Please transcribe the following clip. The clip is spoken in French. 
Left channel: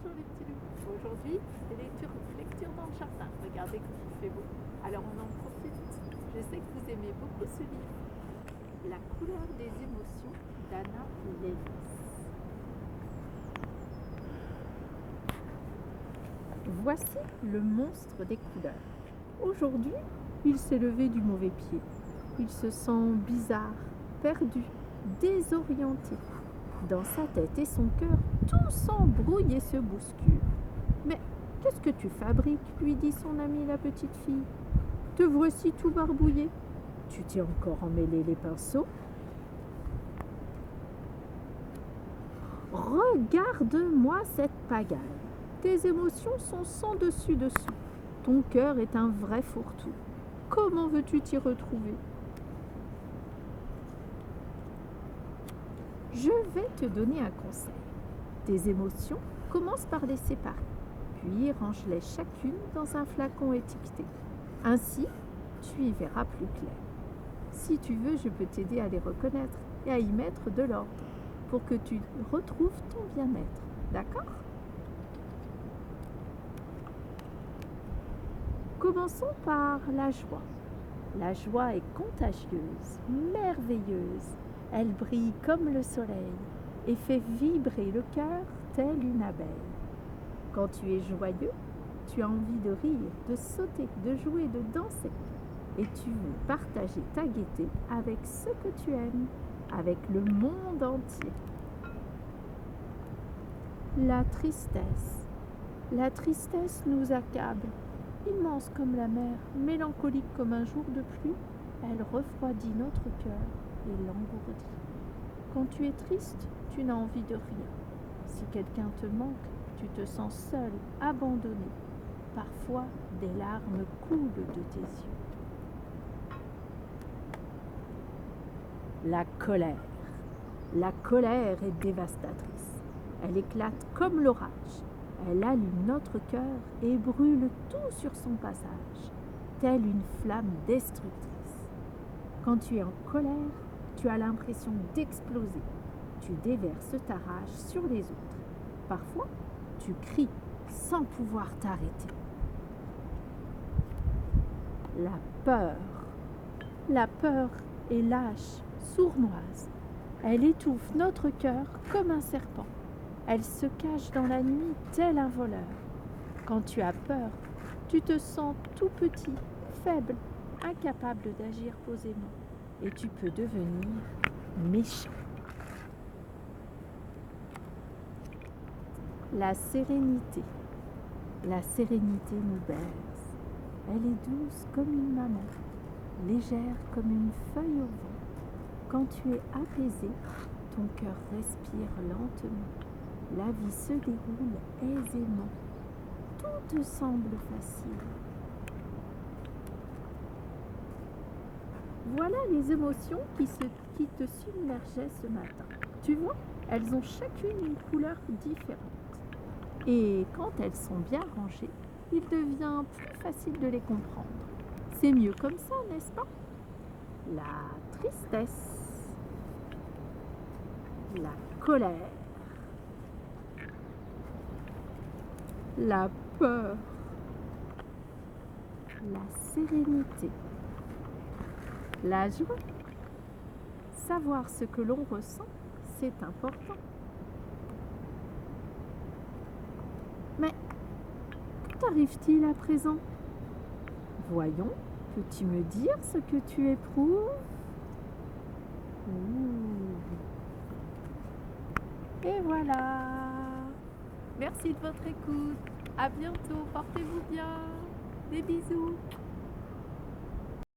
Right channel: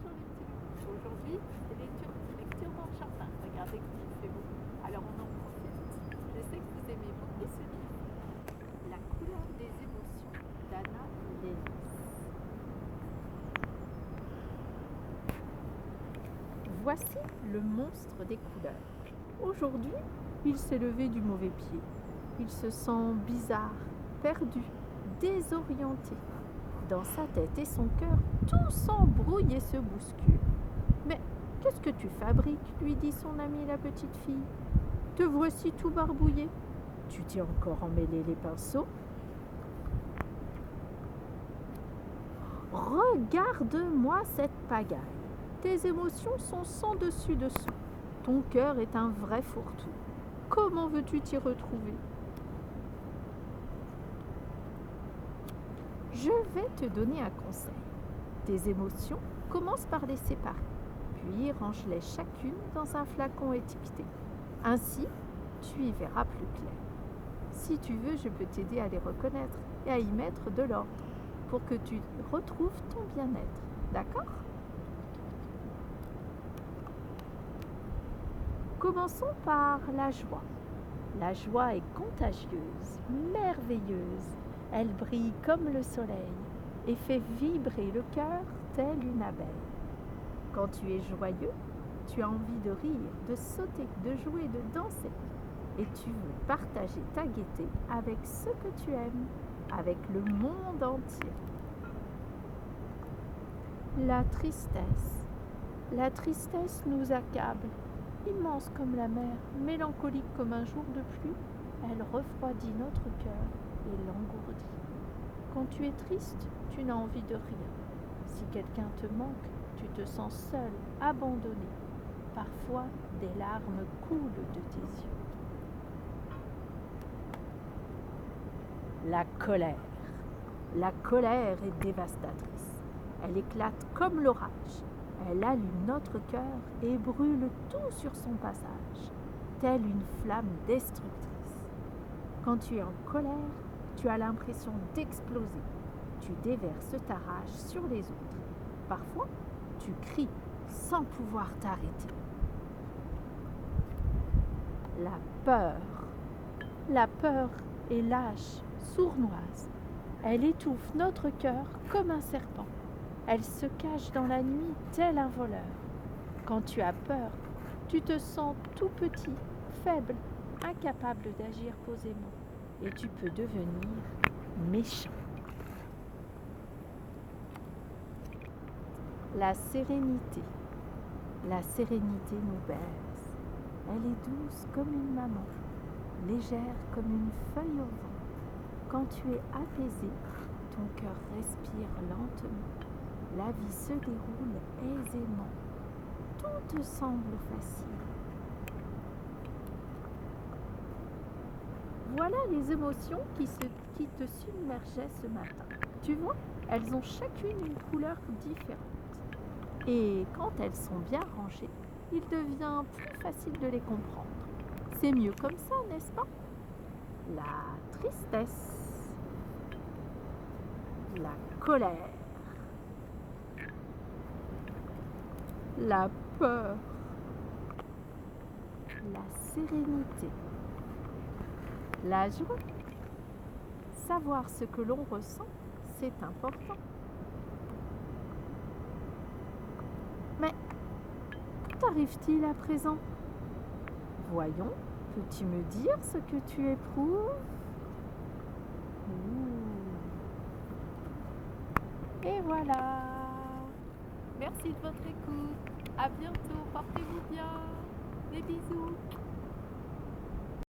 Bonjour les petits loups. Aujourd'hui, c'est lecture dans le jardin. Regardez comme il fait beau. Alors on en profite. Je sais que vous aimez beaucoup ce livre. La couleur des émotions d'Anna Lennes. Voici le monstre des couleurs. Aujourd'hui, il s'est levé du mauvais pied. Il se sent bizarre, perdu, désorienté. Dans sa tête et son cœur, tout s'embrouille et se bouscule. Mais qu'est-ce que tu fabriques lui dit son amie la petite fille. Te voici tout barbouillé. Tu t'es encore emmêlé les pinceaux. Regarde-moi cette pagaille. Tes émotions sont sans dessus dessous. Ton cœur est un vrai fourre-tout. Comment veux-tu t'y retrouver? Je vais te donner un conseil. Tes émotions, commence par les séparer, puis range-les chacune dans un flacon étiqueté. Ainsi, tu y verras plus clair. Si tu veux, je peux t'aider à les reconnaître et à y mettre de l'ordre pour que tu retrouves ton bien-être. D'accord? Commençons par la joie. La joie est contagieuse, merveilleuse. Elle brille comme le soleil et fait vibrer le cœur telle une abeille. Quand tu es joyeux, tu as envie de rire, de sauter, de jouer, de danser. Et tu veux partager ta gaieté avec ceux que tu aimes, avec le monde entier. La tristesse. La tristesse nous accable. Immense comme la mer, mélancolique comme un jour de pluie, elle refroidit notre cœur et l'engourdit. Quand tu es triste, tu n'as envie de rien. Si quelqu'un te manque, tu te sens seul, abandonné. Parfois, des larmes coulent de tes yeux. La colère. La colère est dévastatrice. Elle éclate comme l'orage. Elle allume notre cœur et brûle tout sur son passage, telle une flamme destructrice. Quand tu es en colère, tu as l'impression d'exploser. Tu déverses ta rage sur les autres. Parfois, tu cries sans pouvoir t'arrêter. La peur. La peur est lâche, sournoise. Elle étouffe notre cœur comme un serpent. Elle se cache dans la nuit tel un voleur. Quand tu as peur, tu te sens tout petit, faible, incapable d'agir posément. Et tu peux devenir méchant. La sérénité. La sérénité nous berce. Elle est douce comme une maman, légère comme une feuille au vent. Quand tu es apaisé, ton cœur respire lentement. La vie se déroule aisément. Tout te semble facile. Voilà les émotions qui te submergeaient ce matin. Tu vois, elles ont chacune une couleur différente. Et quand elles sont bien rangées, il devient plus facile de les comprendre. C'est mieux comme ça, n'est-ce pas? La tristesse, la colère, la peur, la sérénité, la joie. Savoir ce que l'on ressent, c'est important. Mais que t'arrive-t-il à présent? Voyons, peux-tu me dire ce que tu éprouves? Ouh. Et voilà. Merci de votre écoute. À bientôt. Portez-vous bien. Des bisous.